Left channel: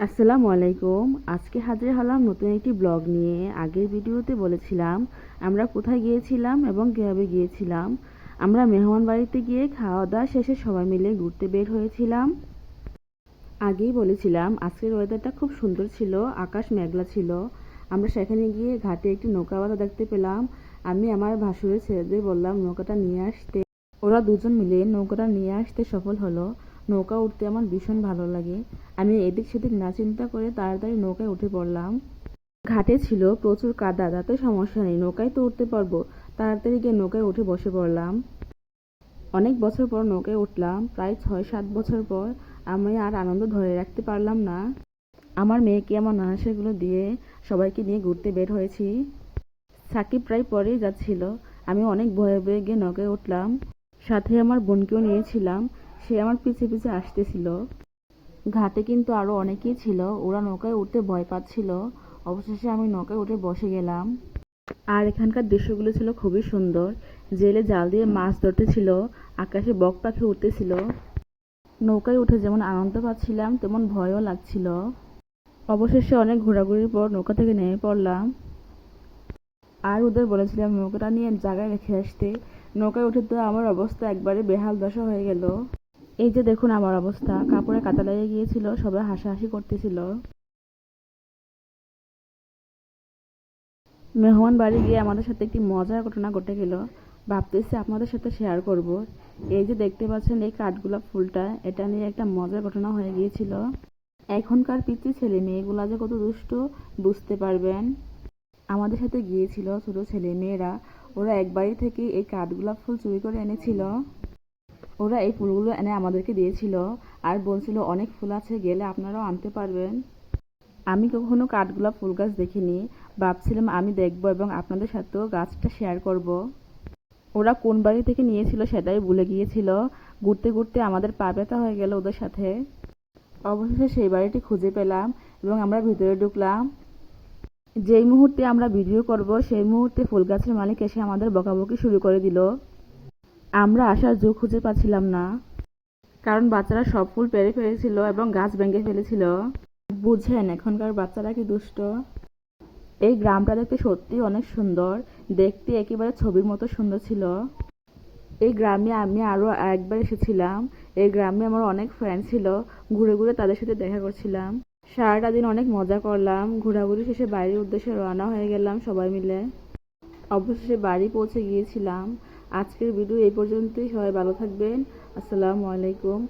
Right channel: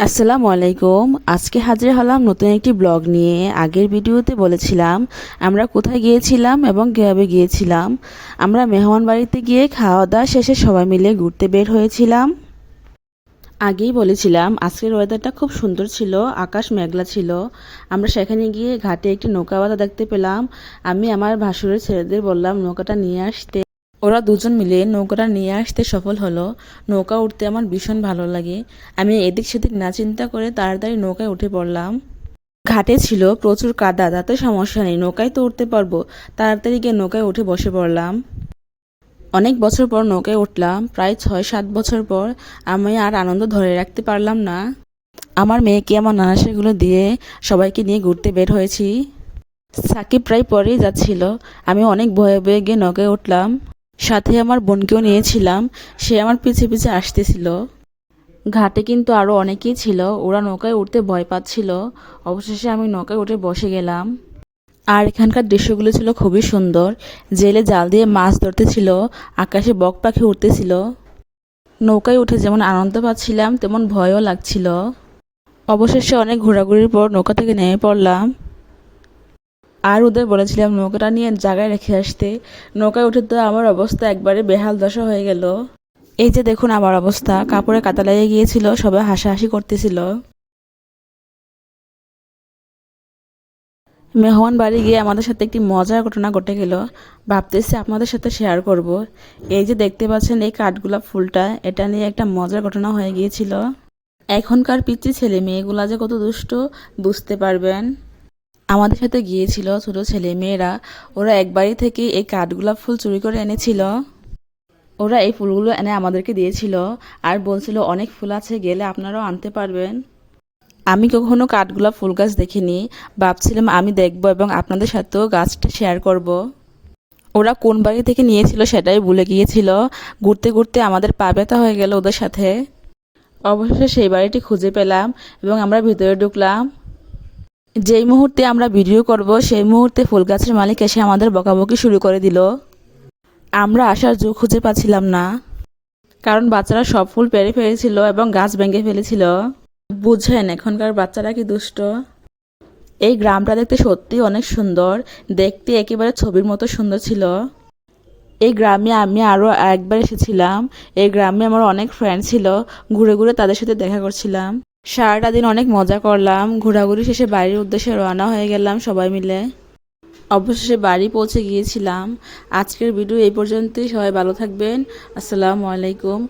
আসসালামু আলাইকুম। আজকে হাজির হলাম নতুন একটি ব্লগ নিয়ে। আগের ভিডিওতে বলেছিলাম আমরা কোথায় গিয়েছিলাম এবং কীভাবে গিয়েছিলাম। আমরা মেহমানবাড়িতে গিয়ে খাওয়া দাওয়া শেষে সবাই মিলে ঘুরতে বের হয়েছিলাম। আগেই বলেছিলাম আজকের ওয়েদারটা খুব সুন্দর ছিল, আকাশ মেঘলা ছিল। আমরা সেখানে গিয়ে ঘাটে একটি নৌকা বাঁধা দেখতে পেলাম। আমি আমার ভাসুরের ছেলেদের বললাম নৌকাটা নিয়ে আসতে। ওরা দুজন মিলে নৌকাটা নিয়ে আসতে সফল হলো। নৌকা উঠতে আমার ভীষণ ভালো লাগে। আমি এদিক সেদিক না চিন্তা করে তাড়াতাড়ি নৌকায় উঠে পড়লাম। ঘাটে ছিল প্রচুর কাদা, তাতে সমস্যা নেই, নৌকায় তো উঠতে পারবো। তাড়াতাড়ি গিয়ে নৌকায় উঠে বসে পড়লাম। অনেক বছর পর নৌকায় উঠলাম, প্রায় 6-7 বছর পর। আমি আর আনন্দ ধরে রাখতে পারলাম না। আমার মেয়েকে আমার নানাশাইগুলো দিয়ে সবাইকে নিয়ে ঘুরতে বের হয়েছি। সাকিব প্রায় পরেই যাচ্ছিল। আমি অনেক ভয়ে ভয়ে গিয়ে নৌকায় উঠলাম। সাথে আমার বোনকেও নিয়েছিলাম, সে আমার পিছে পিছে আসতেছিল। ঘাটে কিন্তু আরও অনেকেই ছিল, ওরা নৌকায় উঠতে ভয় পাচ্ছিল। অবশেষে আমি নৌকায় উঠে বসে গেলাম। আর এখানকার দৃশ্যগুলো ছিল খুবই সুন্দর। জেলে জাল দিয়ে মাছ ধরতেছিল, আকাশে বক পাখি উঠতেছিল। নৌকায় উঠে যেমন আনন্দ পাচ্ছিলাম তেমন ভয়ও লাগছিল। অবশেষে অনেক ঘোরাঘুরির পর নৌকা থেকে নেমে পড়লাম। আর ওদের বলেছিলাম নৌকাটা নিয়ে জায়গায় রেখে আসতে। নৌকায় উঠে তো আমার অবস্থা একবারে বেহাল দশা হয়ে গেল। এই যে দেখুন আমার অবস্থা, কাপড়ে কাটা লেগে গিয়েছিল, সবাই হাসাহাসি করতেছিল। মেহমান বাড়ি গিয়ে আমাদের সাথে একটি মজার ঘটনা ঘটে গেল, ভাবতেছি আপনাদের সাথে শেয়ার করব। এই যে দেখতে পাচ্ছেন এই কাঠগোলাপ ফুলটা, এটা নিয়ে একটা মজার ঘটনা হয়ে গিয়েছিল। এখনকার পিচ্চি ছেলে মেয়েগুলা যে কত দুষ্ট, বুঝতে পারবেন। আমাদের সাথে গিয়েছিল ছোট ছেলে মেয়েরা, ওরা এক বাড়ি থেকে এই কাঠগোলাপ ফুল চুরি করে এনেছিল। ওরা এই ফুলগুলো এনে আমাদেরকে দিয়েছিল আর বলছিল অনেক ফুল আছে, গেলে আপনারাও আনতে পারবেন। আমি কখনো কাঠগোলাপ ফুল গাছ দেখিনি, ভাবছিলাম আমি দেখব এবং আপনাদের সাথেও গাছটা শেয়ার করব। ওরা কোন বাড়ি থেকে নিয়েছিল সেটাই ভুলে গিয়েছিল। ঘুরতে ঘুরতে আমাদের পা ব্যথা হয়ে গেল ওদের সাথে। অবশেষে সেই বাড়িটি খুঁজে পেলাম এবং আমরা ভিতরে ঢুকলাম। যেই মুহূর্তে আমরা ভিডিও করব সেই মুহূর্তে ফুল গাছের মালিক এসে আমাদের বকাবকি শুরু করে দিল। আমরা আসার জো খুঁজে পাচ্ছিলাম না, কারণ বাচ্চারা সব ফুল পেড়ে ফেলেছিল এবং গাছ ভেঙে ফেলেছিল। বুঝেন এখনকার বাচ্চারা কি দুষ্ট। এই গ্রামটা দেখতে সত্যি অনেক সুন্দর, দেখতে একেবারে ছবির মতো সুন্দর ছিল। এই গ্রামে আমি আরও একবার এসেছিলাম। এই গ্রামে আমার অনেক ফ্রেন্ড ছিল, ঘুরে ঘুরে তাদের সাথে দেখা করছিলাম। সারাটা দিন অনেক মজা করলাম। ঘোরাঘুরি শেষে বাড়ির উদ্দেশ্যে রওনা হয়ে গেলাম সবাই মিলে। অবশেষে বাড়ি পৌঁছে গিয়েছিলাম। আজকের ভিডিও এই পর্যন্তই। সবাই ভালো থাকবেন। আসসালামু আলাইকুম।